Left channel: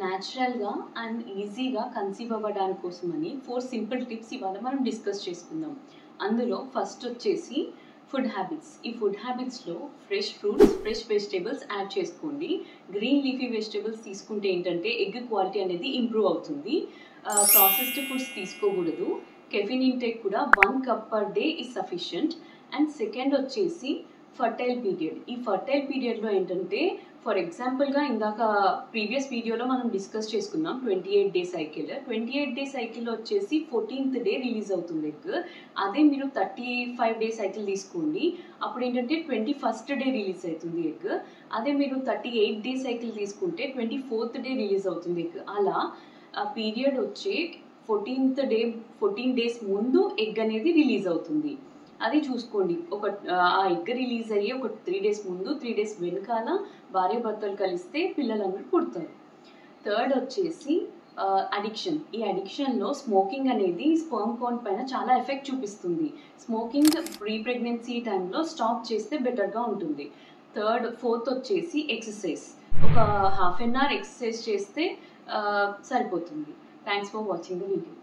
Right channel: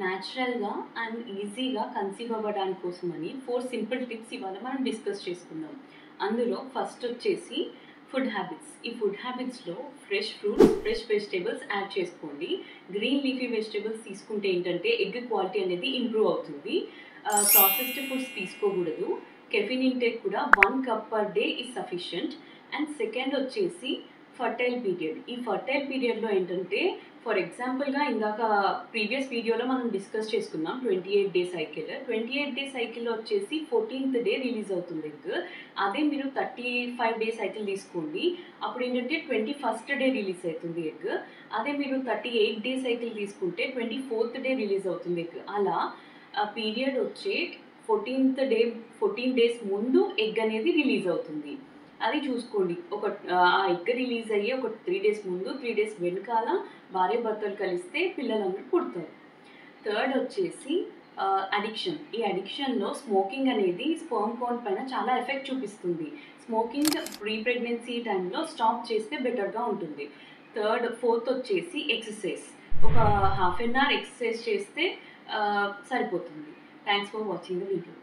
న్యాచురల్గా అండ్ ఈజీగా కన్సీవ్ అవ్వడానికి కోసమని 4 సింపుల్ టిప్స్ ఇవాళ మనం డిస్కస్ చేసుకుందాం. అందులో ఫస్ట్ వచ్చేసి ఫుడ్ హ్యాబిట్స్. ఈ ఫుడ్ హ్యాబిట్స్లో fresh fruits, fresh vegetables add చేసుకోండి. గ్రీన్ లీఫీ వెజిటేబుల్స్ తీసుకుంటే ఏంటంటే ఎగ్ క్వాలిటీ అనేది ఇంప్రూవ్ అవుతుంది. ప్రాసెస్డ్ ఫుడ్స్ తీసుకోకూడదు. కెఫిన్ ఇంటేక్ కూడా 1 cup per day is sufficient. And second వచ్చేసి ఫర్టైల్ పీరియడ్. ఈ ఫర్టైల్ పీరియడ్లో ఏంటంటే ఫర్ ఎగ్జాంపుల్గా ఇందాక ప్రీవియస్ వీడియోలో మనం డిస్కస్ చేసుకున్నాం 28 day సైకిల్. 28 day సైకిల్లో వచ్చేసి 14th day రిలీజ్ అవుతుంది ఎగ్. అదే మీరు 35 day సైకిల్ తీసుకోండి, అప్పుడు ఏంటంటే 21st day రిలీజ్ అవుతుంది ఎగ్. అదే మీరు 38 day సైకిల్ తీసుకుంటే 24th day రిలీజ్ అవుతుంది ఎగ్. అలా పీరియడ్ వచ్చి 14 days ముందు ఎగ్ అనేది రిలీజ్ అవుతుంది. అది చూసుకోండి. ఆ ఎగ్ రిలీజ్ అయ్యి ఒక 3 days ముందు 3 days వెనకాల భార్యాభర్తలు కలిస్తే పిల్లలందరూ పుడతారు. థర్డ్ వచ్చేసి అడిక్షన్. ఈ అడిక్షన్లో స్మోకింగ్ అనేది స్పర్మ్ కౌంట్ పైన చాలా ఎఫెక్ట్ చూపిస్తుంది. స్మోకింగ్ ప్రీ ప్రెగ్నెన్సీ టైంలో స్టాప్ చేస్తే బెటర్గా ఉంటుంది. ఫోర్త్ వచ్చేసి ఎక్సర్సైజ్. ఒక ½ an hour ఎక్సర్సైజ్ చేస్తే సరిపోతుంది. Thanks for watching the video.